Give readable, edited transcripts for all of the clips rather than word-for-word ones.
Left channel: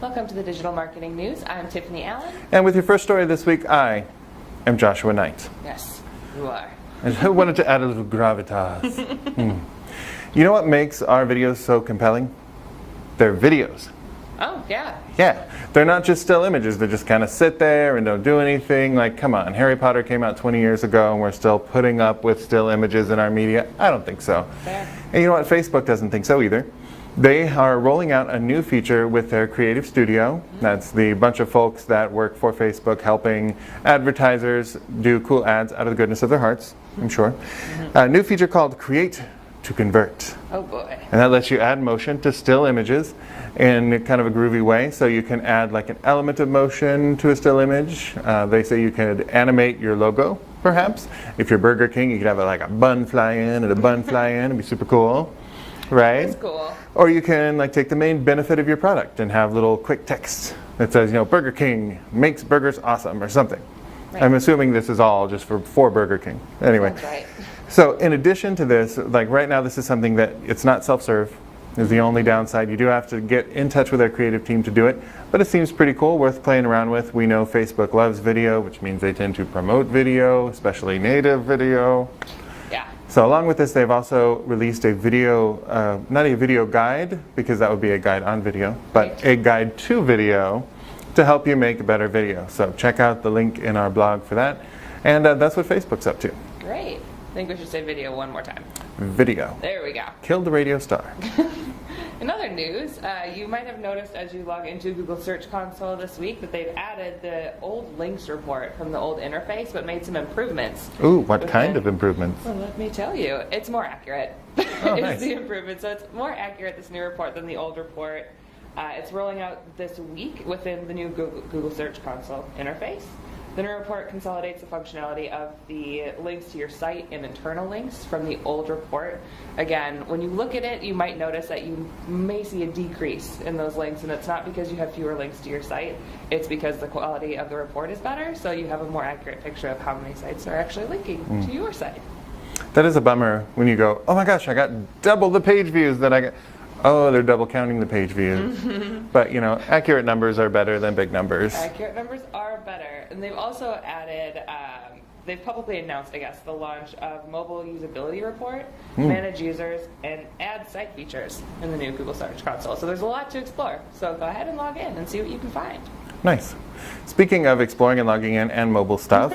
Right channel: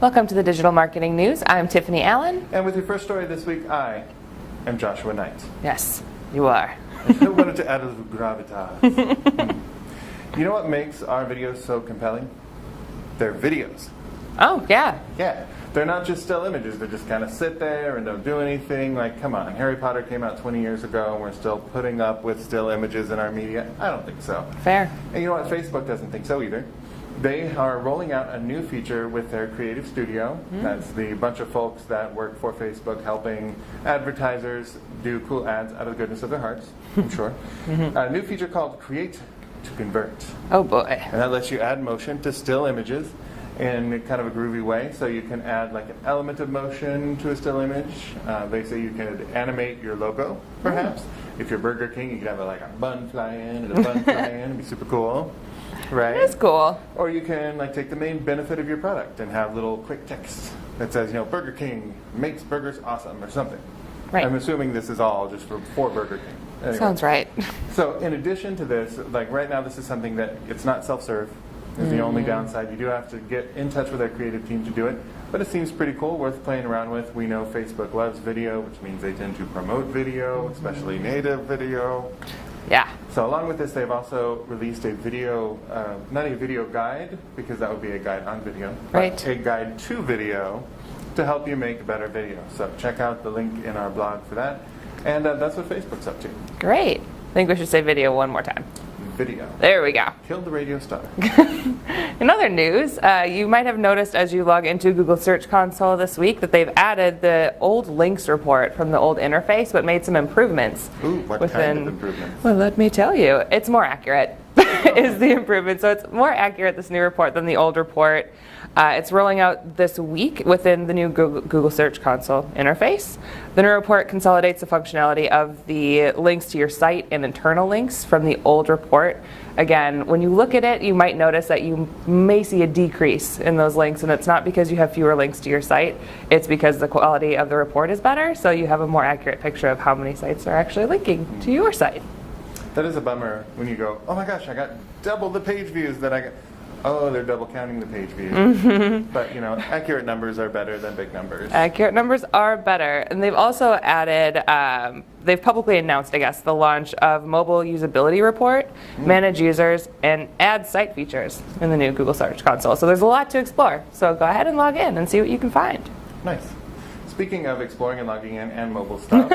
Welcome to the Digital Marketing News. I'm Tiffany Allen. And with your first story this week, I am Joshua Knight. Yes, you are. And I wanted to add a little gravitas. You know what makes our videos so compelling? They're videos. Oh, yeah. Yeah. They're not just still images. They just kind of sit there and don't do anything. Like, come on, Harry Potter came out 20 years ago and we're still putting up with still images in our media? I don't think so. Fair. And you know what? Facebook doesn't think so either. They are rolling out a new feature with their creative studio. That's the bunch of folks that work for Facebook helping advertisers do cool ads out of the goodness of their hearts, I'm sure. A new feature called Create to Convert. Oh, boy. And that lets you add motion to still images in kind of a groovy way. So you can add like an element of motion to a still image. They say you could animate your logo, perhaps. If you're Burger King, you could have like a bun fly in and a bun fly in. It'd be super cool. Right? That's cool. Or you can like take the main benefit of your product and have little quick text that says, you know, Burger King makes burgers awesome or something. Right. I'm assuming this is all just for Burger King. Anyway. Sounds right. So in addition to this, like right now this is something that it's not self-serve is the only downside. You do have to get in touch with our creative team to do it, but it seems pretty cool, worth playing around with. We know Facebook loves video, which means they tend to promote video, especially native video. Yeah. So along with this, they've also released a video, not a video guide, because that would be a guide on video, but Right. a guide to video to help you make a better video. So check out the link in our blog for that. And that's what Facebook's up to. Great. I think we should say video one more time. Video. There we go. Kill the radio star. In other news, you might have noticed as you log into Google Search Console this week that they've added the old links report from the old interface, but made some improvements. Ooh, what kind of improvements? Well, let me tell you, it's more accurate is the improvement. So it's more accurate, this new report, than the old report. It's rolling out this week within the new Google Search Console interface. The new report consolidates the functionality of the links to your site and internal links from the old report. Again, when you look at it, you might notice that you may see a decrease in those links, and it's not because you have fewer links to your site. It's because the quality of the report is better, so you have a more accurate picture of how many sites are actually linking to your site. That is a bummer when you go, oh my gosh, I got double the page views that I got. Oh, they're double counting the page views. But, you know, accurate numbers are better than big numbers. Accurate numbers are better. And they've also added, they've publicly announced, I guess, the launch of Mobile Usability Report, Manage Users, and Add Site features in the new Google Search Console. So there's a lot to explore. So go ahead and log in and see what you can find. Nice. Speaking of exploring and logging in and mobile stuff,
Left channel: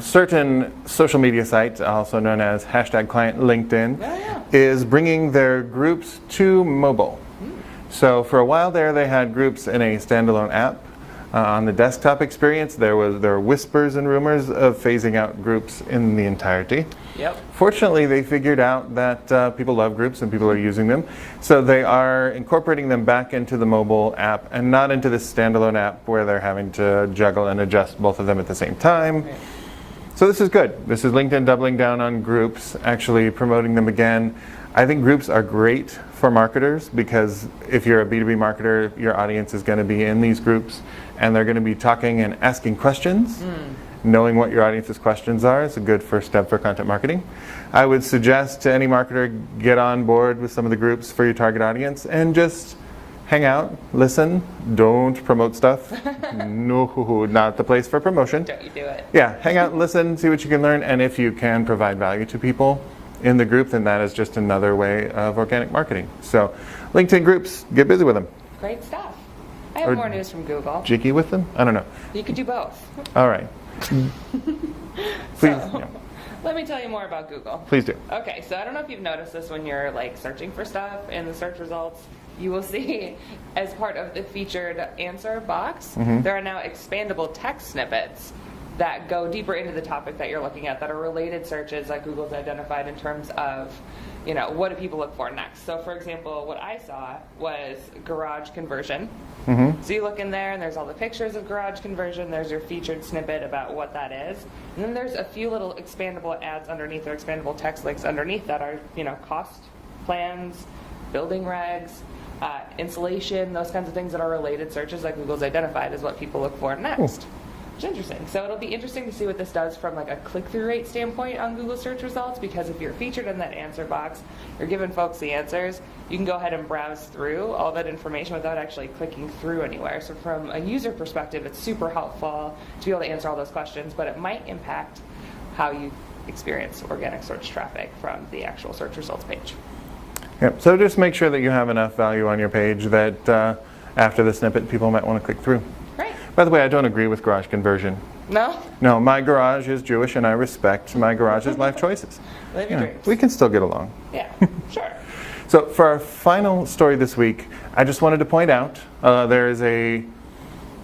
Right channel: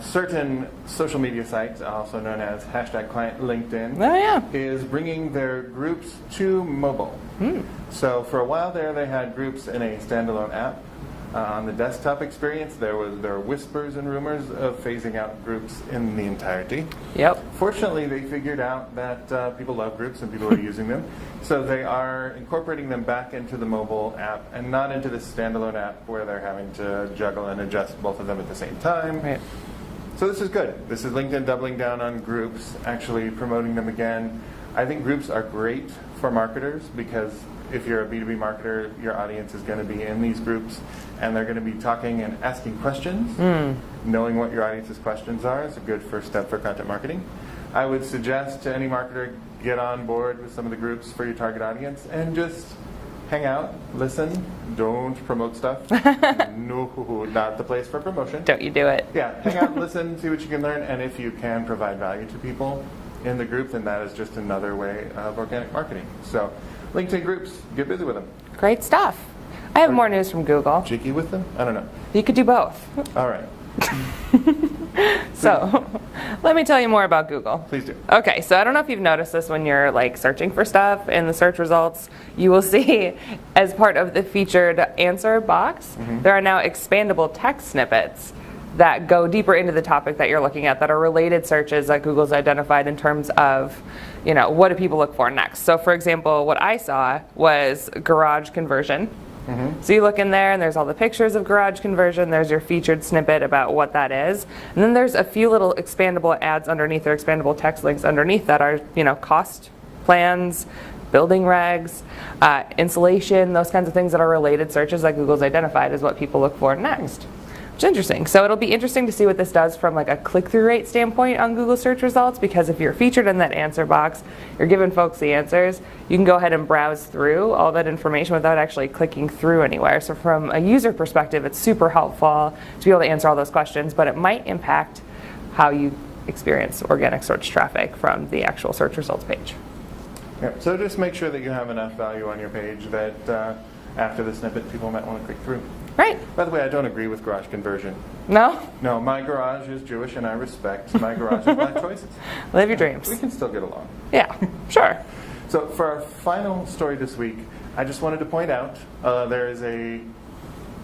certain social media sites, also known as #client LinkedIn, Oh, yeah. is bringing their groups to mobile. So for a while there, they had groups in a standalone app. On the desktop experience, there were whispers and rumors of phasing out groups in the entirety. Yep. Fortunately, they figured out that people love groups and people are using them. So they are incorporating them back into the mobile app and not into this standalone app where they're having to juggle and adjust both of them at the same time. Right. So this is good. This is LinkedIn doubling down on groups, actually promoting them again. I think groups are great for marketers because if you're a B2B marketer, your audience is going to be in these groups and they're going to be talking and asking questions. Knowing what your audience's questions are is a good first step for content marketing. I would suggest to any marketer get on board with some of the groups for your target audience and just hang out, listen, don't promote stuff. No, not the place for promotion. Don't you do it. Yeah, hang out and listen, see what you can learn, and if you can provide value to people in the group, then that is just another way of organic marketing. So LinkedIn groups, get busy with them. Great stuff. I have more news from Google. Cheeky with them? I don't know. You could do both. All right. So, let me tell you more about Google. Please do. Okay, so I don't know if you've noticed this when you're like searching for stuff in the search results, you will see as part of the featured answer box, there are now expandable text snippets that go deeper into the topic that you're looking at that are related searches that Google's identified in terms of, you know, what do people look for next. So for example, what I saw was garage conversion. So you look in there and there's all the pictures of garage conversion, there's your featured snippet about what that is, and then there's a few little expandable ads underneath or expandable text links underneath that are, you know, cost plans, building regs, insulation, those kinds of things that are related searches that Google's identified as what people look for next. It's interesting. So it'll be interesting to see what this does from like a click-through rate standpoint on Google search results, because if you're featured in that answer box, you're giving folks the answers, you can go ahead and browse through all that information without actually clicking through anywhere. So from a user perspective, it's super helpful to be able to answer all those questions, but it might impact how you experience organic search traffic from the actual search results page. Yep. So just make sure that you have enough value on your page that after the snippet, people might want to click through. Right. By the way, I don't agree with garage conversion. No? No, my garage is Jewish, and I respect my garage's life choices. Live your dreams. We can still get along. Yeah, sure. So for our final story this week, I just wanted to point out there is a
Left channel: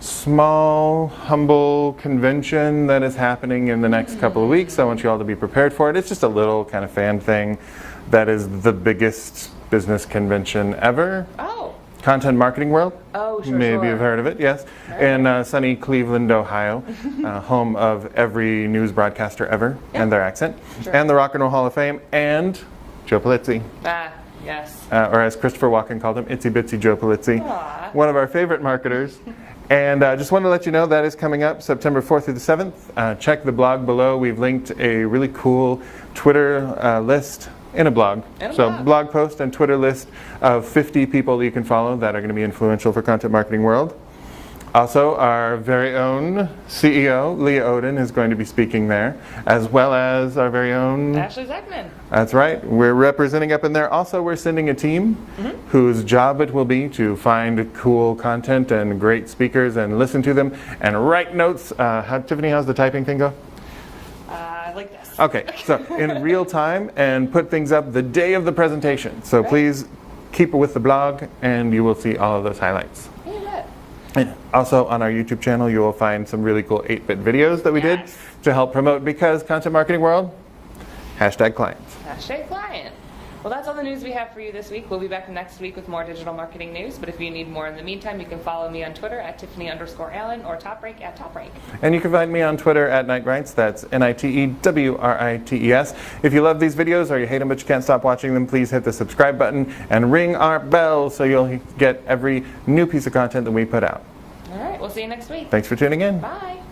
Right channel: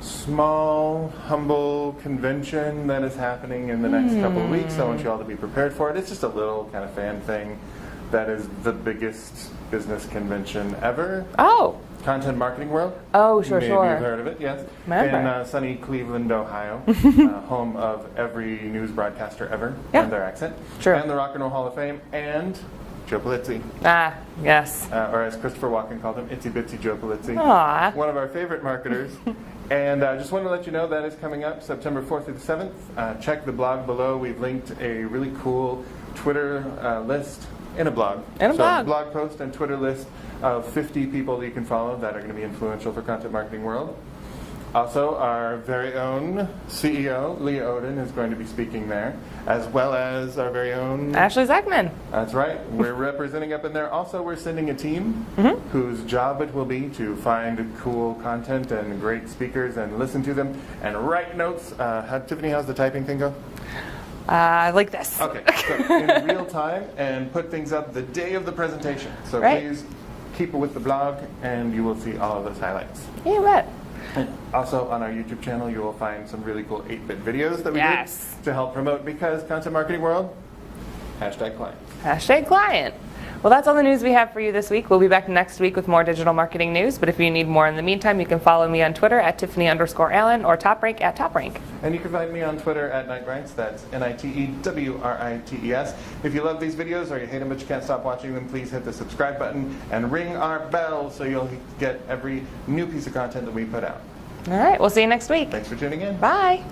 small, humble convention that is happening in the next couple of weeks. I want you all to be prepared for it. It's just a little kind of fan thing that is the biggest business convention ever. Oh. Content Marketing World. Oh, sure, Maybe sure. you've heard of it, yes. Remember. In sunny Cleveland, Ohio, home of every news broadcaster ever and their accent. Sure. And the Rock and Roll Hall of Fame, and Joe Polizzi. Ah, yes. Or as Christopher Walken called him, Itsy Bitsy Joe Polizzi. Aw. One of our favorite marketers. And just wanted to let you know that is coming up September 4th through the 7th. Check the blog below. We've linked a really cool Twitter list in a blog. Blog post and Twitter list of 50 people that you can follow that are going to be influential for Content Marketing World. Also, our very own CEO, Leah Oden, is going to be speaking there, as well as our very own Ashley Zechman. That's right. We're representing up in there. Also, we're sending a team whose job it will be to find cool content and great speakers and listen to them and write notes. Tiffany, how's the typing thing go? Like this. Okay, so in real time and put things up the day of the presentation. So please keep it with the blog and you will see all of those highlights. Yeah, bet. And also on our YouTube channel, you will find some really cool 8-bit videos that we did to help promote, because Content Marketing World, #client. #client. Well, that's all the news we have for you this week. We'll be back next week with more digital marketing news. But if you need more in the meantime, you can follow me on Twitter at Tiffany_Allen or TopRank at TopRank. And you can find me on Twitter at Nitewrites. That's NITEWRITES. If you love these videos or you hate them but you can't stop watching them, please hit the subscribe button and ring our bell so you'll get every new piece of content that we put out. All right, we'll see you next week. Thanks for tuning in. Bye.